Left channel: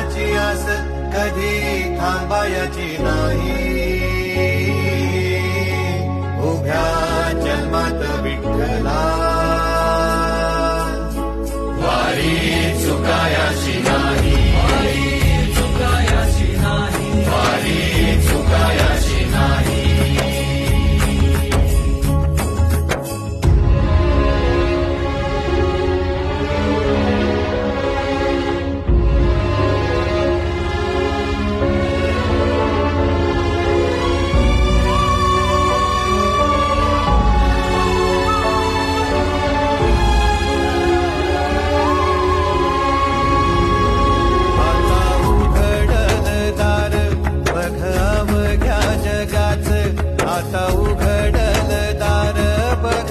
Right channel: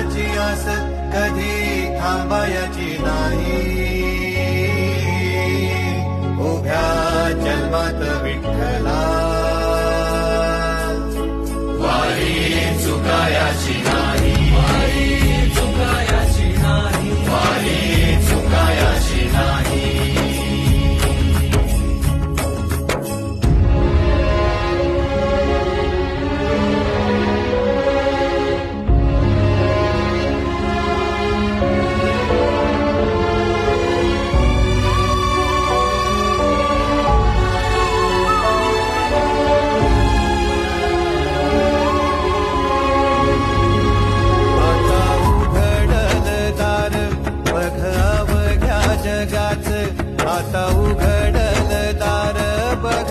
प्रवास कधी थांबायची नाही. उभ्या जन्मात विठ्ठला वारी चुकायाची नाही. बघाव घ्या जगाच. आता उघडल दार बघ